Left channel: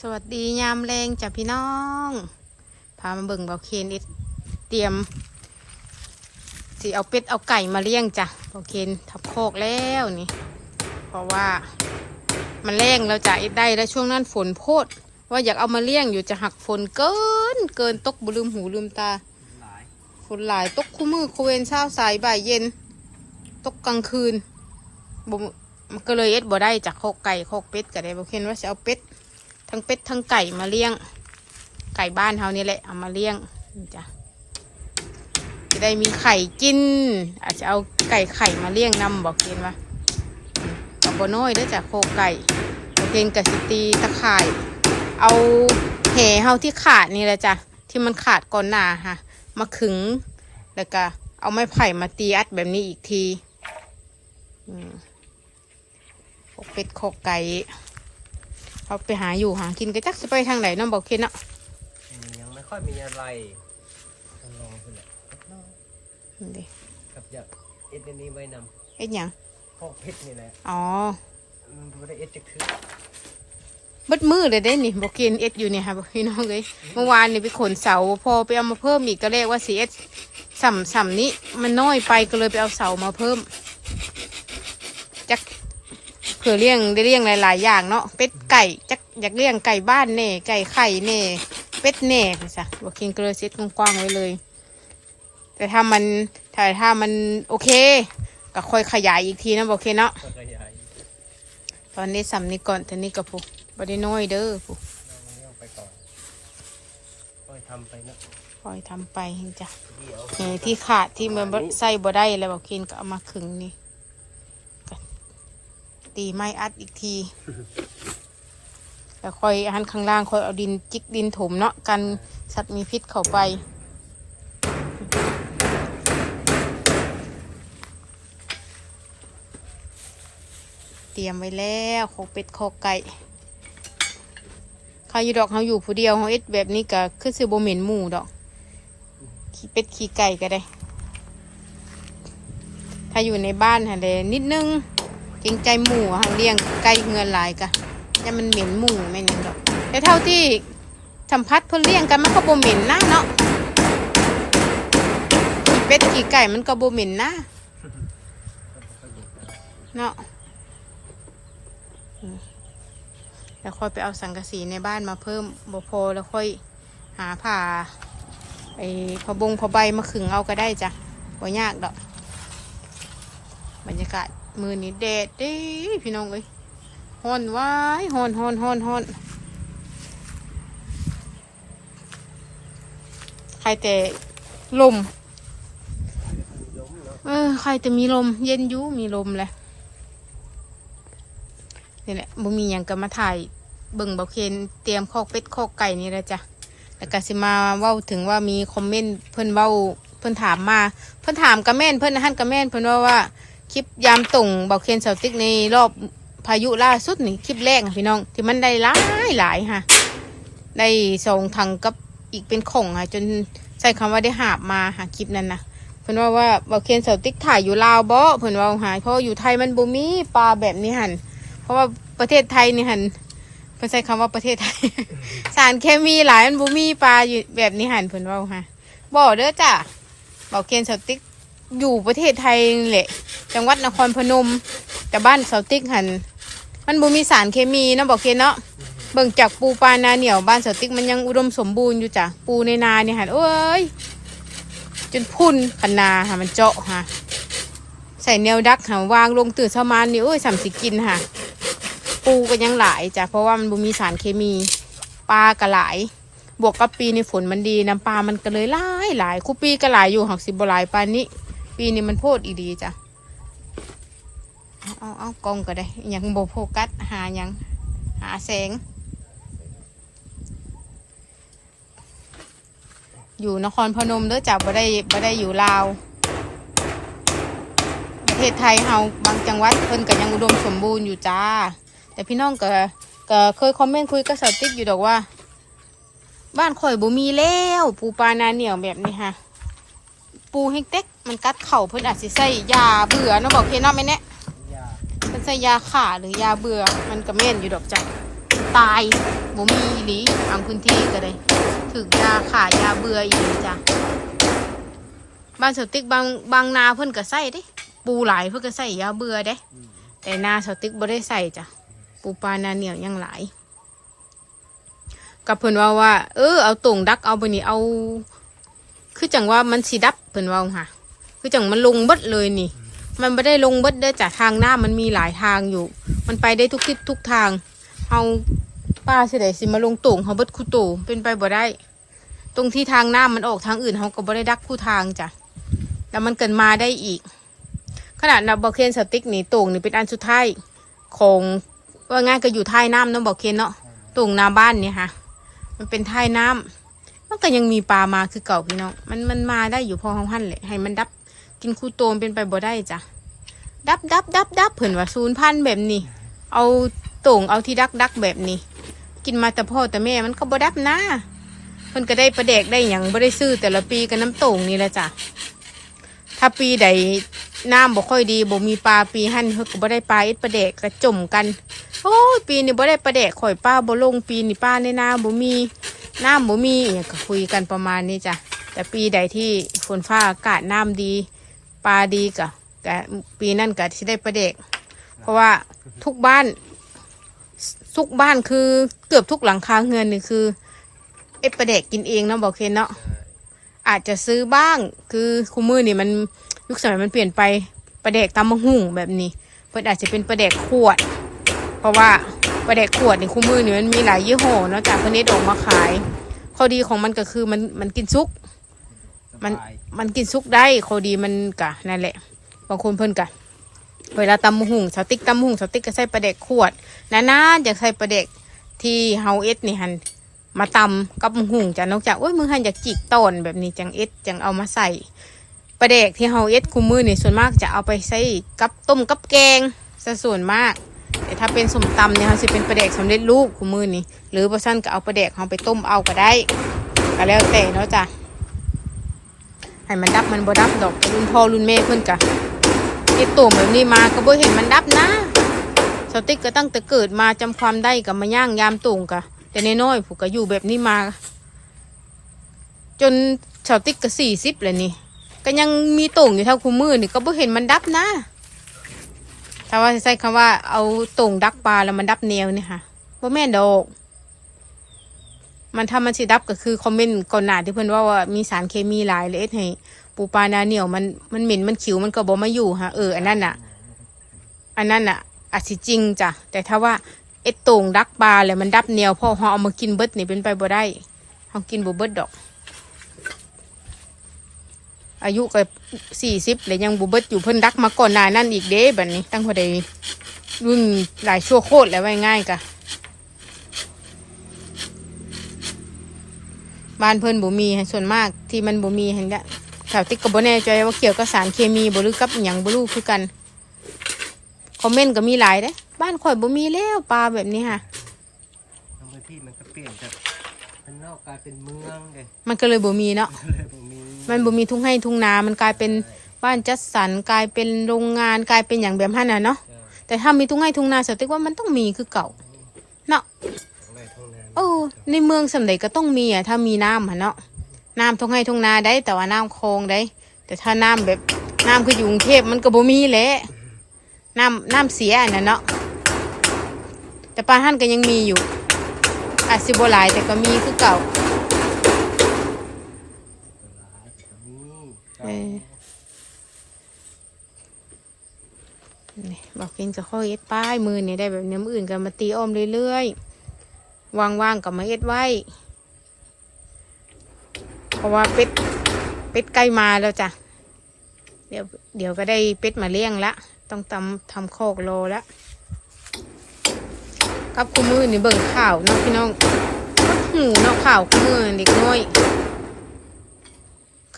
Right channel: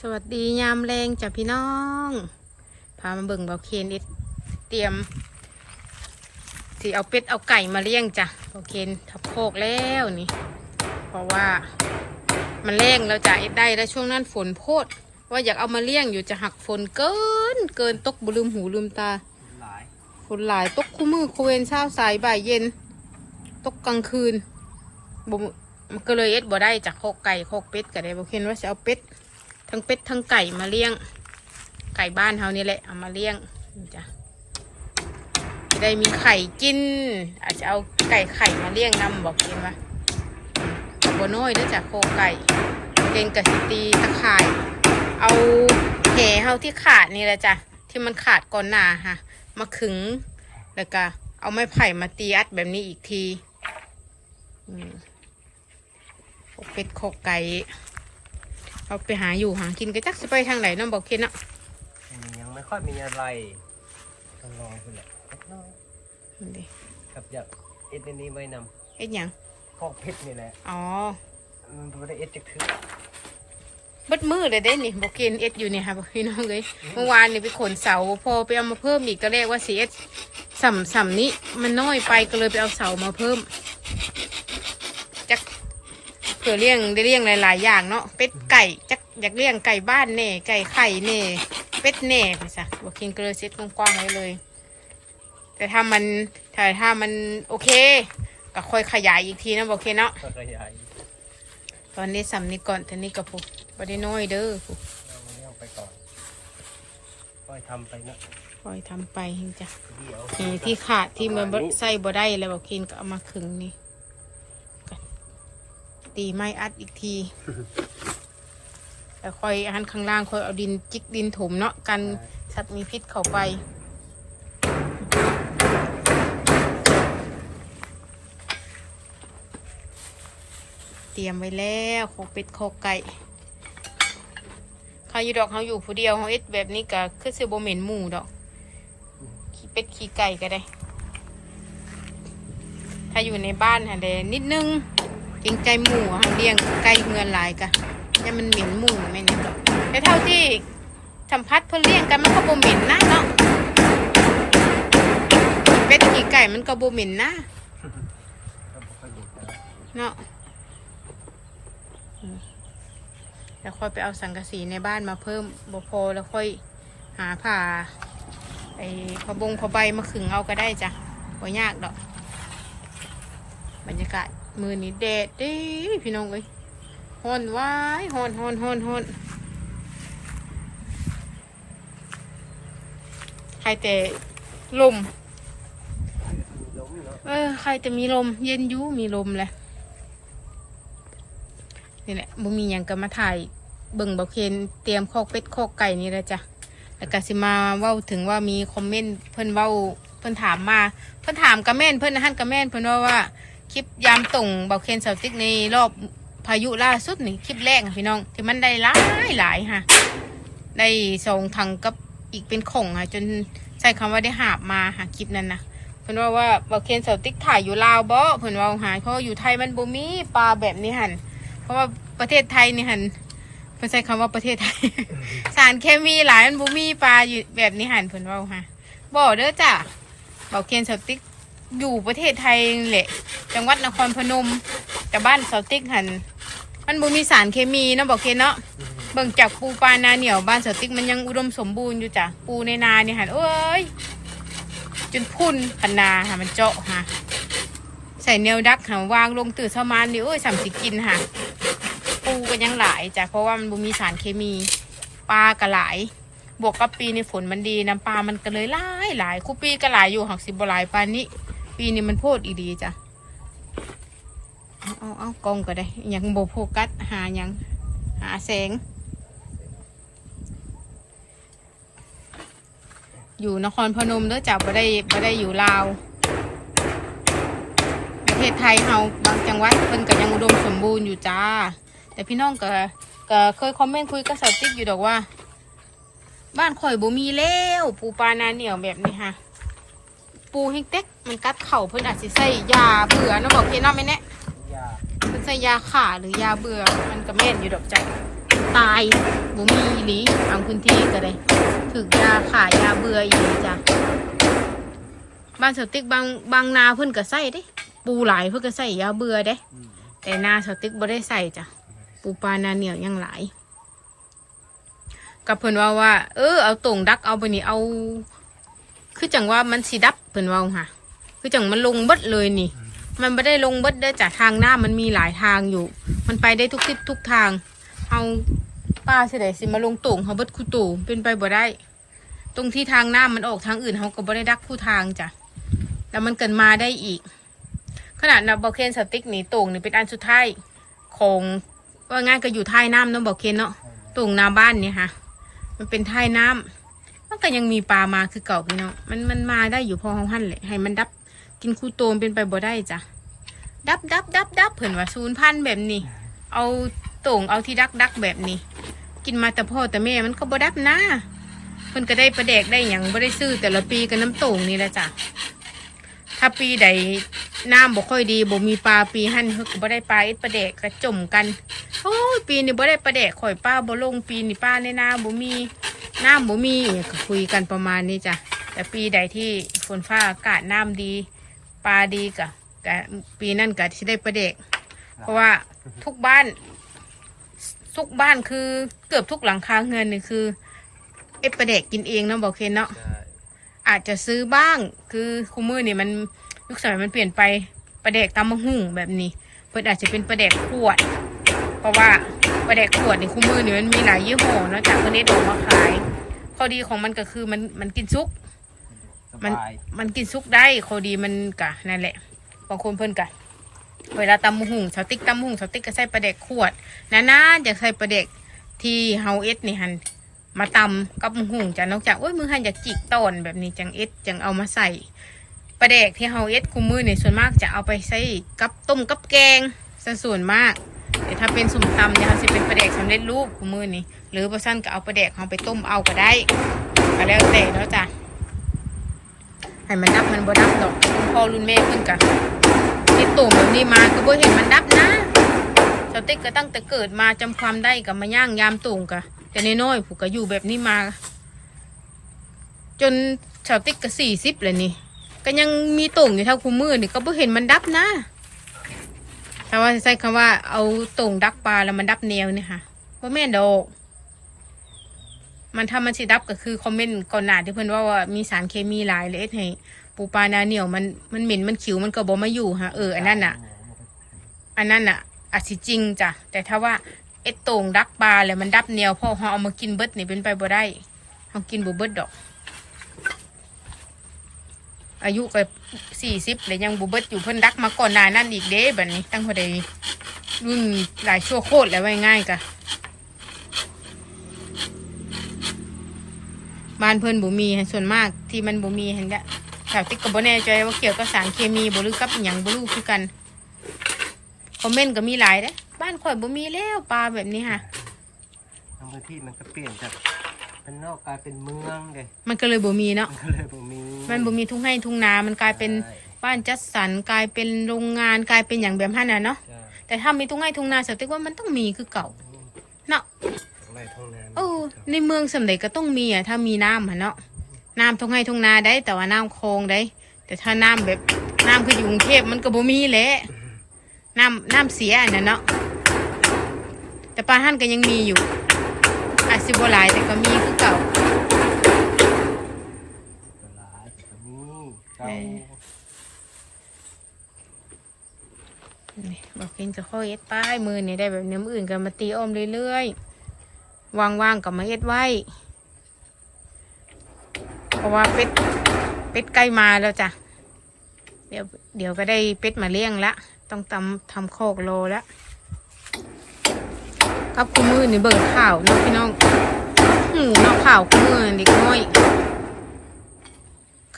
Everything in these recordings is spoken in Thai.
สวัสดียามแรงจ้ะพี่น้อง พามาเบิ่งเบาเคนเอ็ดเตรียมสิเอาเป็ดเอาไก่มาเลี้ยงจ้ะเบาเคนทับโคกแล้วนี่ เพราะว่ามันแรงแล้วจ้ะเอ็ดได้แล้วช่วงนั้นฝนโพด ว่าอยากเอามาเลี้ยงอยู่จะหักฝนเกิน เกินตกบลืมหูลืมตาหลายฝนหลายตกคู่มือคูเวนเช้าสายบ่ายเย็น ตกกลางคืนบ่มันก็เลยเอ็ดบ่ได้จากโคกไก่โคกเป็ดก็ได้บอกเห็นว่าจะเอาเป็ด ทั้งเป็ดทั้งไก่มาเลี้ยง ไก่บ้านเฮานี่แหละเอามาเลี้ยงนี่จ้ะจะได้มีไข่กิน อาจจะเอาไก่ไข่มาเลี้ยงนำบอกกินว่าบ่น้อยเด้จากโคไก่เพลงกสิตีตะข่าย เอาแหเฮาที่ขาดนี่แหละจ้ะที่มันขาดก่อนหน้าค่ะ มาขึงแล้วก็เอาไม้ไผ่มาตีอัดแบบนี้อีกทีอืมโคเป็ดโคไก่ เอาไปหาอยู่หากินก็จักจะไปทางไหนน้องบอกคิดเนาะอันนี้ยังไม่ค่อยมีอะไรต้องลองขึ้นแหละสักหน้อยนี่ดิกับอยากเอ็ดอันนี้ไว้นเอ็ดหยังำพอกเพชรนี่แหละอ๋อมันไม่ได้เอ็ดจากถือเบิดมือเลยเด้นี่บอกกินเอ็ดอยู่เนี่ยค่ะบอกพี่น้องเลยเมื่อวานนี่ไปขนเสาพอไปเอามาเพิ่มอีกก็เรียกว่าสีเอ็ดสัมสัมนี้มันน้อยไปก็เลยไปเอาเสามาเพิ่มจักเผื่อเลี้ยงได้เลี้ยงหลายๆอย่างเนาะเป็ดไก่จักอยากเลี้ยงไก่บ้านเน่ไก่ไข่เน่เป็ดเน่ไปซะบอกกินก็เลยเซ็ตกว้างๆไว้เลย แต่ถ้ามันถ้าถ้ามันโอเค ก็ค่อยขยายอีกทีนะบอกเคเนาะก็ขยายตอนนี้สัมนี้ก่อนทีนี้ก็พูบได้น้อยเด้อพูเราเลี้ยงไปก่อนค่อยทำไปเนาะคอยทำไปนี่จ้ะเดี๋ยวเออที่ขาดที่มันบ่ใส่บ่ได้แล้วบอกเคนก็เอามาขึงนี่ก็ ตีไม้อัดอีกทีแล้วค่อยอันข้างล่างค่อยเอาดินจิกดินถมเนาะกันสัตว์มีพิษเข้าไป เตรียมไว้แล้วโคเป็ดโคไก่ขาอยู่ดอกเขาอยู่ผู้เดียวเขาเอ็ดแบบนี้ก็คือสิบ่เหม็นหมูดอก ขี้เป็ดขี้ไก่ก็ได้ ถ้าอยู่ในบ้านฮะเดนิดนึง เกรงใจหมูฮะเลี้ยงไก่เงินหลายกะแต่มันเหม็นหมูไม่เนี่ยแต่เท่าที่สัมผัสเพื่อเลี้ยงกันมันก็บ่เหม็นนะเนาะเป็ดขี้ไก่มันก็บ่เหม็นนะเนาะแล้วค่อยไปเอาสังกะสีในบ้านมาเพิ่มบ่พอแล้วค่อยหาผ่าไอ้พอบงพอใบมาขึงเอาก็ได้จ้ะบ่ยากดอก บรรยากาศ มือนี้แดดเด้พี่น้องเลยฮอนว้ายฮอนฮอนฮอนฮอนใครแต่ลมเออใครจะมีลม เย็นยุมีลมแหละนี่แหละบ่มีอย่างก็มาถ่ายเบิ่งเบาเคนเตรียมคอกเป็ดคอกไก่นี่แหละจ้ะแล้วก็สิมาเว้าถึงว่ามีคอมเมนต์เพิ่นเว้าเพิ่นถามมา เพิ่นถามกระแม่นเพิ่นหันกระแม่นเพิ่นว่าว่า คลิปยามตุ่งเบาเคนเสาติ๊กในรอบพายุล่าสุดนี่คลิปแรกพี่น้อง ที่มันได้หลายหลายค่ะ ได้ส่งถังกับอีกเป็นของค่ะ จนใช้คำว่าได้หาบมาหาคลิปนั้นนะเพิ่นว่าว่าเบาเคนเสาติ๊กถ่ายอยู่ลาวบ่เพิ่นว่าหายเพราะว่าอยู่ไทยมันบ่มีปลาแบบนี้หันเพราะว่าประเทศไทยนี่หันเพิ่นใช้คำว่าประเทศไทย สารเคมีหลายมันบ่มีปลาอยู่แบบนี้หันเพิ่นว่าฮะบ่เด้อจ้ะเบาเคนเสาติ๊ก อยู่ประเทศไทยนี่แหละ จังหวัดนครพนม แต่บ้านเสาติ๊กหัน มันบ่มีสารเคมีเนาะบอกเคนเนาะเบิ่งจากปูปลานาเหนียวบ้านเสาติ๊กมันยังอุดมสมบูรณ์อยู่จ้ะปูในนาเนี่ยหันโอ้ยจนพุ่นพันนาค่ะมันเจาะค่ะใส่แนวดักหาวางลงตื่นเช้ามานี่โอ้ยสามสิกินค่ะ ปูก็ยังหลายจ้ะเพราะว่ามันบ่มีสารเคมีปลาก็หลาย บวกกับปีนี้ฝนมันดีน้ำปลามันก็เลยหลายหลายคู่ปีก็หลายอยู่หักสิบหลายปานนี้ ปีนี้มันโพดอีดีจ้ะ เอาเอากล้องก็ได้ ยังโบโฟกัสหายัง หาแสง อยู่นครพนมเด้อจ้ะบ่ได้บ่ได้อยู่ลาว ประเทศไทยเฮาบางจังหวัดเพิ่นก็ยังอุดมสมบูรณ์อยู่จ้า แต่พี่น้องก็ก็เคยคอมเมนต์คุยกับสาวติ๊กอยู่ดอกว่า บ้านข่อยบ่มีแล้ว ปูปลานาเหนียวแบบนี้ค่ะ ปูให้เต็กมันกัดเข่าเพิ่นอาจสิใส่ยาเบื่อเนาะบอกพี่น้องไหมเนี่ยยาเพิ่นใส่ยาขาหรือยาเบื่อมันก็แม่นอยู่ดอกจ้ะตายบ่มีอีหลีบางพื้นที่ก็ได้ถึกยาขายยาเบื่ออีกจ้ะบ้านสติ๊กบางบางนาเพิ่นก็ใส่เด้ ปูหลายเพิ่นก็ใส่ยาเบื่อเด้อืมแต่นาสติ๊กบ่ได้ใส่จ้ะปูปลานาเหนียวยังหลายกับเพิ่นว่าว่า เออเอาตรงดักเอาไปนี่เอา คือจังว่ามันสิดับเพิ่นว่าค่ะ คือจังมันลงเบิดเลยนี่ มันไม่ได้ลงเบิดเด้อจากทางหน้ามันมีหลายทางอยู่ มันไปได้ทุกทิศทุกทางเฮาป้าเฉยสิมาลงตรงเฮาเบิดคูโตเป็นไปบ่ได้ ตรงที่ทางหน้ามันออกทางอื่นเฮาก็บ่ได้ดักคู่ทางจ้ะแล้วมันเกินมาได้อีก ขนาดนับบอเคนสติ๊กนี่ตรงนี่เป็นอันสุดท้ายของว่าง่ายก็อยู่ท้ายน้ำเนาะบอเคนเนาะตรงนาบ้านเนี่ยค่ะ มันเป็นท้ายน้ำ มันก็ยังมีปลามาคือเก่าพี่น้องมันมันมาได้อยู่พอเฮาหั่นแหละให้มันดับกินคูโตมเป็นไปบ่ได้จ้ะดับดับดับดับเผื่นว่าศูนย์พันแบบนี้ เอาโต่งเอาที่ดักดักแบบนี้ กินมาแต่พ่อแต่แม่มันก็บ่ดับนะมันก็ได้ประเดกได้อย่างบ่ได้ซื้อแต่ละปีกับน้ำโต่งนี่แหละจ้ะถ้าปีใดน้ำบ่ค่อยดีบ่มีปลาปีหั่นเขาก็บ่ได้ปลาอีประเดกกระจมกันโอ้ยปีนี้บ่ได้ประเดกข่อยป้าบ่ลงปีนี้ป้าในนาบ่มี น้ำบ่มีเนี่ยก็คุยกันประมาณนี้จ้ะแต่ปีใดที่ฝนฟ้าอากาศน้ำดีปลาดีกะแต่ปีนั่นกะที่ได้ประเด็ก เพราะว่าทุกบ้าน ทุกบ้านคือเกือบทุกหลังคาเรือนนี่คือ เอ็ดประเด็กกินเองเนาะบอกเคนเนาะอาจจะซื้อบ้างคือคูมือนี่มันยุคสมัยมันเปลี่ยนไปประเด็กตำมะหุ่งแบบนี้เพิ่นอาจจะเป็นประเด็กขวด เพราะว่าประเด็กขวดในคูมือนี่มันมีหลายยี่ห้อเนาะจากประเทศออกมาขาย ข้อดีของมันก็คือมันมันกินซุกสมันบายมันกินซุกได้ข้อดีมันกะนั่นแหละ บางคนเพิ่นกะเวลาตำมะหุ่งสติ๊กตำมะหุ่งสติ๊กก็ใส่ปลาเด็กขวดนะนะอยากใส่ปลาเด็กที่เฮาเอ็ดนี่หันมาตำกับมะหุ่งจ้ะนอกจากโอ้ยมือหันอยากจีบต้นแบบนี้จังเอ็ดจังเอามาใส่ปลาเด็กที่เฮาเอ็ดคุมมือนี่ส่วนมากจะเอาไปใส่กับต้มกับแกงซะส่วนมาก แต่ถ้าเป็นสมตำเนี่ยมันจะเป็นปลาเด็กสำเร็จรูปคุมมือนี่หรือบ่ซั่นก็เอาปลาเด็กเฮาไปต้มเอาก็ได้ก็แล้วแต่เนาะจ้ะให้มันดับมันบ่ดับดอกรุ่นพ่อรุ่นแม่เพิ่นกะไอ้ตุ่มแบบนี้มาก็บ่เห็นมันดับนะสติ๊กก็ตั้งแต่เกิดมาจำความได้กับมาย่างยามตุ่มกะแต่ในน้อยผูกก็อยู่แบบนี้มา จนสติ๊กก็สี่สิบเลยนี่ก็ยังมีตุ่มอยู่เท่าคูมือนี่ก็บ่เห็นมันดับนะ ถ้าว่าใช้คำว่าเอาตุ่มดักปลาแล้วมันดับแนวนี่ค่ะบ่แม่นดอกมันถ้ามันสิดับก็คือคอมเมนต์ก่อนหน้าที่เพิ่อนว่าว่ามีสารเคมีหลายเล็ดให้ปูปลานาเหนียวมันมันเหม็นมันขิวมันก็บ่มาอยู่ฮะเอออันนั้นน่ะ อันนั้นน่ะอาจสิจริงจ้ะแต่ถ้าว่าเอ็ดต่งดักปลาแล้วมันดับเหนียวพอเฮาเอามากินเบิดนี่เป็นไปบ่ได้เฮากินบ่เบิดดอก อายุก็สี่สิบแล้วยังบ่เบิดอยู่เพิ่นดักมาก่อนหน้านั้นอีกเด้แบัดนี้ตั้งพอดีรุ่นหลายชั่วโคตรแล้วไว้ง่ายกะบ้านเพิ่นบ่มีส่วนมากที่มันบ่มีเห็นกะแถวติ๊กก็บ่แน่ใจว่าเกี่ยวกับสารเคมีบ่หรือกับอิหยังบ่รู้คือกันคอมเมนต์ก็มีหลายเด้บ้านข่อยบ่มีแล้วปลาแบบนี้ค่ะบางพื้นที่มันก็เปลี่ยนจาก เป็นนอกกลายเป็นเมืองเลยมันก็เลยบ่มีเนาะมันก็เลยบ่มีมันบ่มีทุ่งให้ทุ่งนา มันกลายเป็นใช่บ้านจัดสรรกลายเป็นโรงงานกลายเป็นอย่างแบบนั้นน่ะเนาะ ใช่แต่ถ้ามีทุ่งให้ทุ่งนาสติ๊กว่ามันต้องมีคือเก่า เนาะทั้งไร่ทั้งนาโอ้ในเมืองสำเร็จก็ต้องมีอะถ้ามีน้ำอะเนาะน้ำทุ่งให้ทุ่งนาได้ แต่ว่าน้ำคลองได้ แต่ถ้าน้ำแบบน้ำคืออยู่กรุงเทพมันก็บ่มีแหละน้ำน้ำเสียอันนั้นเนาะแต่ปลาท่านก็ยังมีอยู่ อาจสิบ่หลายแต่ก็มีคือเก่าตลาดก็มีเก่าเออนี่บอกเป็นจะค่อยเอ็ดป้ายมือนี่ได้แบบนี้มืออื่นกันมาตีอ้อมเรื่อยๆว่างๆกับมาเอ็ดไว้เพราะว่าเป็ดเป็ดใกล้มาแล้วจ้ะเดี๋ยวเดี๋ยวก็ได้เป็ดมาเลี้ยงละ ต้องทำทำโคอกโลละ ครับคุณมือนี่เบิ่งข่าวน้องพี่น้องหูน้อกข่าวคุณมือเด็กน้อย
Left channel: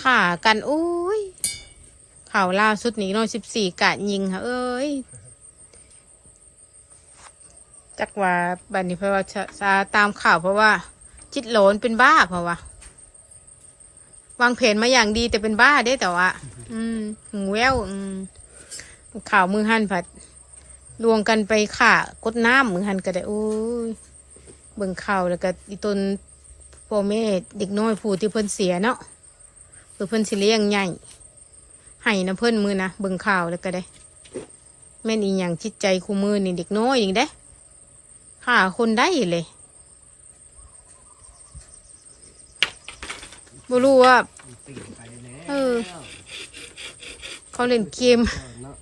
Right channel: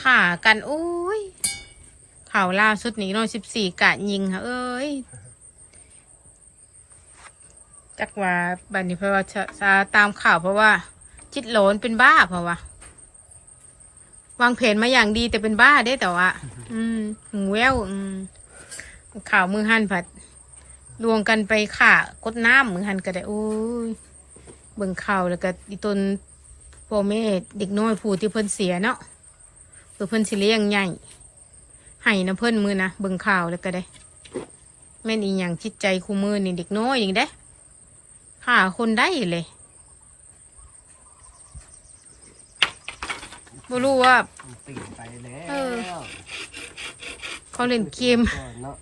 ขากันโอ้ยข่าวล่าสุดนี้น้อยสิบสี่กะยิงค่ะเอ้ยจักว่าบันนี้เพราะว่าจะตามข่าวเพราะว่า คิดหลนเป็นบ้าเพราะว่าวางแผนมาอย่างดีแต่เป็นบ้าได้แต่ว่า อืมหูแววอืมข่าวมือหั่นผัด รวงกันไปข่ากดน้ำเหมือนหันก็ได้โอ้ยเบิ่งข่าวแล้วก็อีตนพ่อแม่เด็กน้อยผู้ที่เพิ่นเสียเนาะเพื่อเพิ่นสิเลี้ยงใหญ่ให้นะเพิ่นมือนะเบิ่งข่าวแล้วก็ได้ แม่นอีหยังจิตใจคู่มือนี่เด็กน้อยอย่างได้หาคนได้เลยบ่รู้ว่ามันไปแล้วเออเขาเล่นเกม ก่อนเนาะ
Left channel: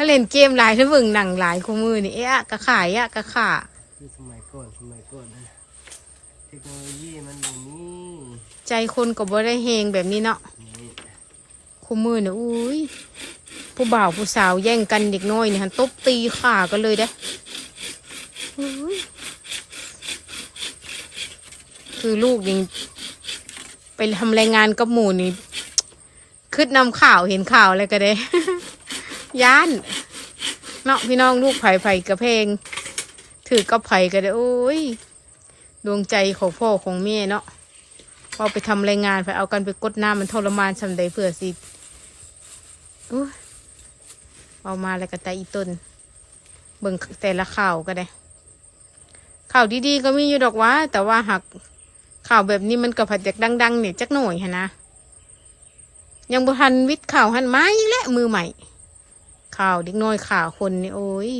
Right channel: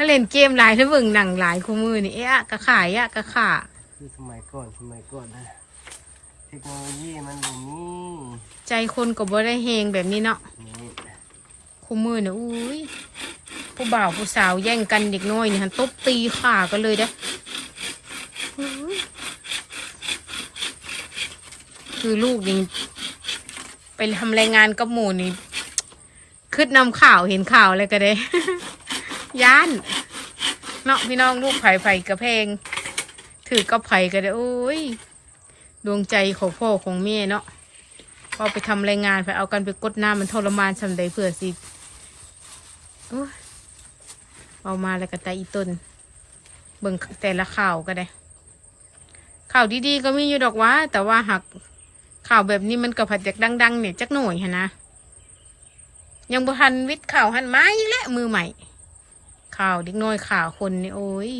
เขาเล่นเกมหลายหรือเบิ่งหนังหลายคู่มือนี่เอ๊ะอะกะขายอะกะขาคือสมัยก่อนสมัยก่อนนะเทคโนโลยีมันบ่มีใจคนก็บ่ได้เฮงแบบนี้เนาะนี่คู่มือเนี่ยอุ้ยผู้บ่าวผู้สาวแย่งกันเด็กน้อยนี่หันตบตีขากันเลยเด้อุ้ยคือลูกยังเป็นทำรายงานกับหมู่นี่คืดนำข่าวเห็นข่าวอะไรก็ได้ ย่านเนาะพี่น้องลูกไผ่ไผ่กระเพง ถือกับไผ่ก็ได้โอ้ยดวงใจของพ่อของแม่เนาะพอไปทำรายงานไปเอากันไปกดน้ำมันทรมานสำใดเพื่อสิเอามาแล้วก็ตาอีต้นเบิ่งแต่ละข่าวก็ได้ ข่าวดีๆก็มีอยู่ดอกว่า แต่ว่าหักข่าวแบบนี้มันก็ผัดจากดัง ๆ เนี่ยจักหน่อยฮะนะยังบุทันวิทย์ข่าวหันไม้และมือใหม่ ข่าวเด็กน้อยข่าวคนนี่โอ้ย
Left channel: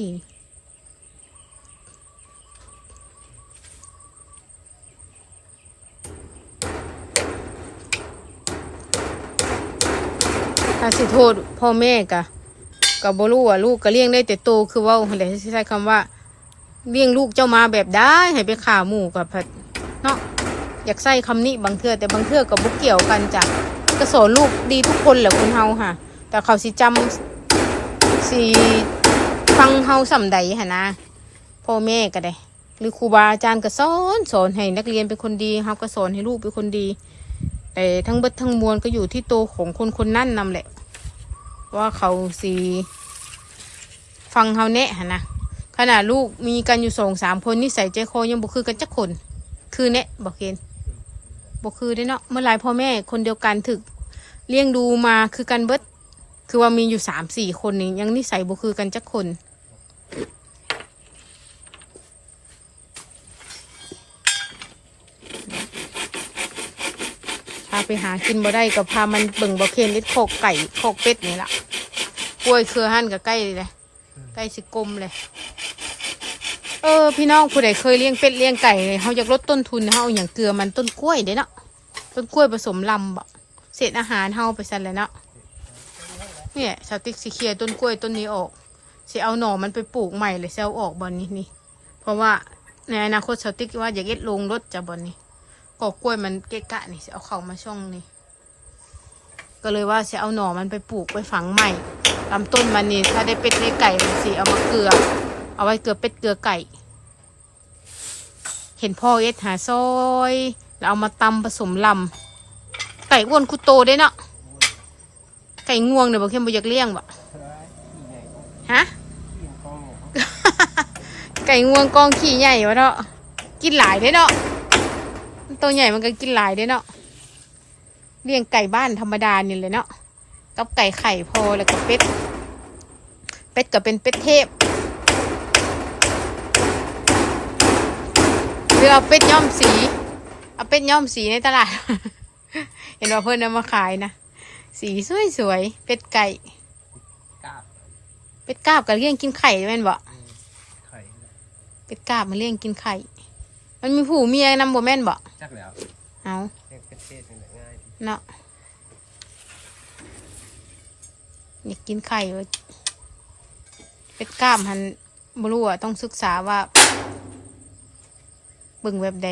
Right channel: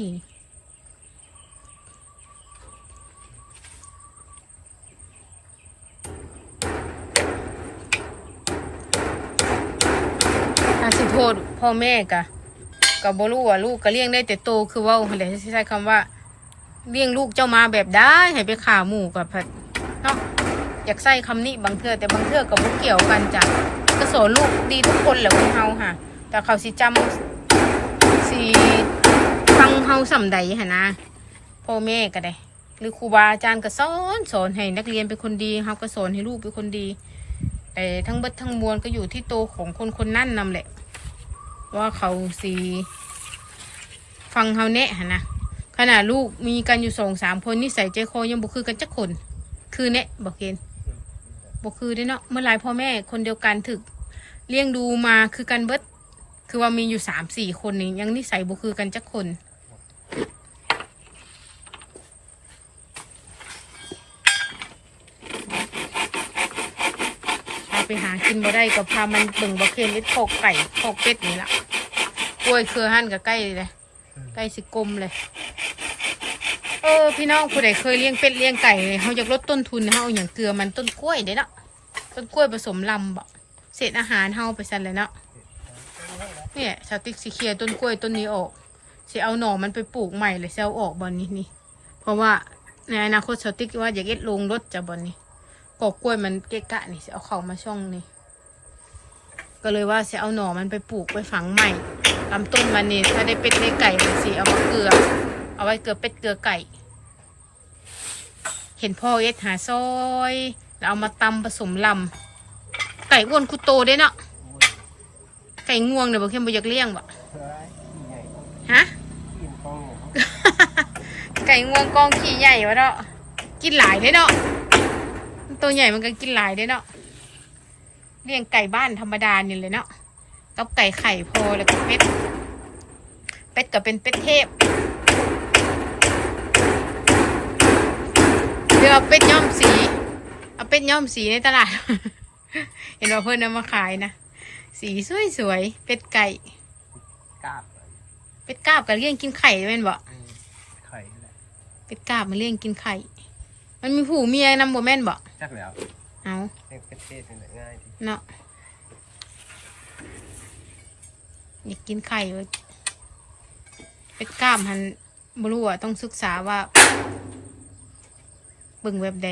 ถ้าสิโทษพ่อแม่กะก็บ่รู้ว่าลูกก็เลี้ยงได้แต่โตคือว่าแต่ใช้คำว่า เลี้ยงลูกเจ้ามาแบบได้ให้ไปข่าหมูกับผัดเนาะอยากใส่คำนี้บางเทื่อแต่บางเทื่อก็บ่เกี่ยวกันจ้ะก็สอนลูกดีทุกคนแหละคนเฮาค่ะ แต่เขาสิจำ สิฟังเฮาสำใดหะนะพ่อแม่ก็ได้ หรือครูบาอาจารย์ก็สอนสอนให้นักเรียนเป็นคนดีเฮาก็สอนให้ลูกเป็นคนดี แต่ทั้งเบิดทั้งมวลก็อยู่ที่โตวของคนคนนั่นนำแหละ ว่าเขาสีฟังเฮาแนะหะนะขนาดลูกมีกันอยู่สองสามคนนิสัยใจคอยังบุคือกันจักคน คือแนะบอกเกณฑ์บอกคือได้เนาะเมื่อหลายพ่อแม่คนเดียวกันถึกเลี้ยงดูมาคือกันเบิด คือว่ามีอยู่สามสี่คนนี่ยังนิสัยบุคือกันจักคนพาไปหากินบ่ได้ก็พามันเบิ่งบ่เค็มเล็ดโคกไก่โคกเป็ดนี่ละกล้วยเครือหั่นกับใกล้เลยใกล้สิกลมเลย เออ พี่น้องผู้ใดเคยเลี้ยงเป็ดเลี้ยงไก่เนี่ยเขาอยากลดต้นทุนเขาเอาอย่างเกลือมันต้นกล้วยเด้เนาะต้นกล้วยผสมลำบ่เศษอาหารเฮาไปสั่นเลยเนาะ เนี่ยชาวติ๊กสิเคลียร์ต้นกล้วยต้นนี้ออกสิเอาหน่อมันไปปลูกใหม่เลยเซลออกบอนนี้นี่ เพราะว่าในอนาคตชาวติ๊กว่าอยากเอ็ดลงรถจะบอนนี้กอกกล้วยมันเกะกะนี่จะเอาเขามาช่องนี่ก็เลยว่าจะเอาหน่อมันไปปลูกไปฝังใหม่ลำต้นมันนี่ถ้าได้เป็ดได้ไก่นสิเอามาเกลือ เอาไว้เกลือเป็ดเกลือไก่ เห็นพ่อเอ็ดหาซอย แล้วเอามาตำผสมลำไก่อ้วนคุโตได้เนาะ ก่ง่วงเนี่ยบอกเข้มบอยากเลี้ยงบ่เฮ้ยขี้ใหญ่โอ้ยฮะขี้กองเนี่ยเขาไก่ง่วงกองขี้ใหญ่วะเนาะ กินหลายได้เนาะมันตัวใหญ่มันก็กินหลายได้เนาะ เลี้ยงไก่บ้านธรรมดานี่เลยเนาะ กับไก่ไข่พอแล้วก็เป็ด เป็ดก็เป็นเป็ดเทพเรือเอาเป็ดย้อมสี เอาเป็ดย้อมสีในตลาด เห็นว่าเพื่อนเอามาขายนะ สีสวยๆเป็ดไก่กราบเป็ดกาบกับเลี้ยงกินไข่แม่นบ่เออไข่แหละเป็ดกาบมาเลี้ยงกินไข่ มันมีผู้เมียนำบ่แม่นบ่จักแล้วเอาเลี้ยงเป็ดเทศนี่แหละง่ายดีเนาะอยากกินไข่เว้ยเป็ดกล้ามหันบรู้อะต้องศึกษาว่าเบิ่งแบบใด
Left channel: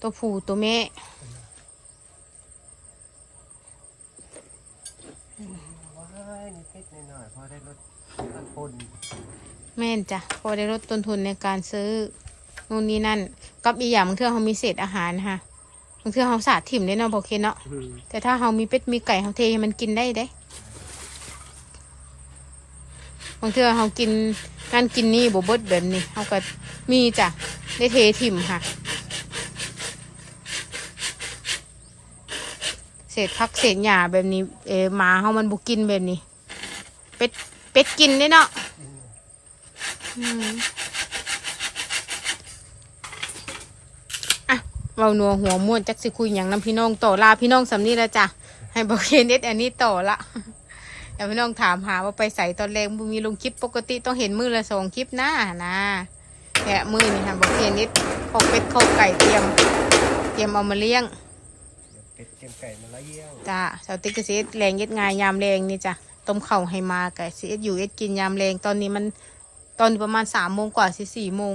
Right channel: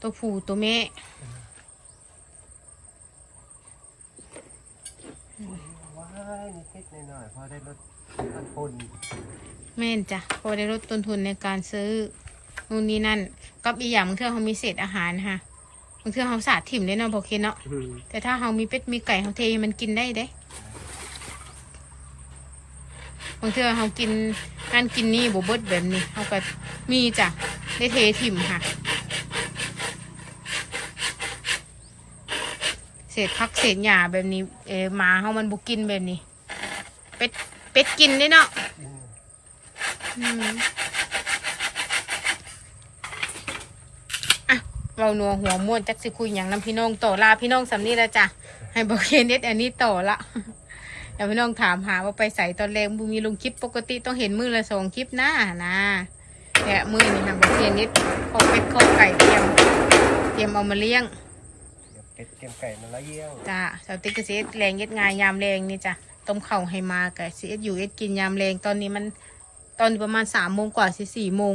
ตัวผู้ตัวแม่ ว้าย นี่เป็ดหน่อยพอได้ลดต้นทุนแม่นจ้ะพอได้ลดต้นทุนในการซื้อนู่นนี่นั่น กับอีกอย่างบางเทื่อเขามีเศษอาหารค่ะบางเทื่อเขาสาดถิ่มได้เนาะบอเคเนาะแต่ถ้าเรามีเป็ดมีไก่เราเทให้มันกินได้เด้บางเทื่อเรากินนั่นกินนี่บเบดแบบนี้เราก็มีจ้ะได้เทถิ่มค่ะ เศษพักเศษหญ้าแบบนี้ เอมาเขามันบุกินแบบนี้ เป็ดเป็ดกินได้เนาะอืมอืมเมาหนัวหัวม่วนจักสิคุยอย่างน้ำพี่น้องต่อลาพี่น้องสำนี่แล้วจ้ะให้บอกเคนเน็ตอันนี้ต่อละเดี๋ยวพี่น้องถามหาว่าไปใส่ตอนแรกมีลงคลิปปกติต้องเห็นมือละสองคลิปหน้านะแต่มือนี่ค่ะบอกเคนเน็ตข้าวเป็ดข้าไก่เตรียม เตรียมเอามาเลี้ยง เดี๋ยวเป็ดเตรียมไก่มาละเยี่ยงจ้าสาวติ๊กก็สิเอ็ดแรงเย็ดงายยามแรงนี่จ้ะต้มเข่าวให้มากับสิเอ็ดอยู่เอ็ดกินยามแรงตอนนี้มันตอนประมาณสามโมงกว่าสิสี่โมง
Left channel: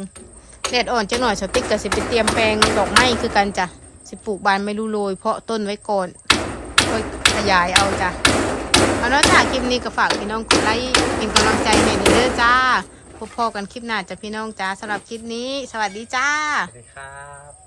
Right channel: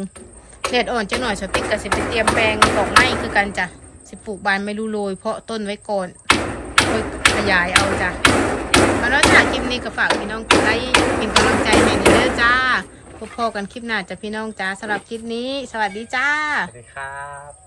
แดดอ่อนจะหน่อยสาวติ๊กก็สิไปเตรียมแปลงดอกไม้คือกันจ้ะสิปลูกบานไม่รู้โรยเพราะต้นไว้ก่อนค่อยขยายเอาจ้ะแล้วนอกจากคลิปนี้ก็ฝากพี่น้องกดไลค์เป็นกำลังใจให้ด้วยจ้าพบพอกันคลิปหน้าจ้ะพี่น้องจ้าสำหรับคลิปนี้ สวัสดีจ้าสวัสดีครับ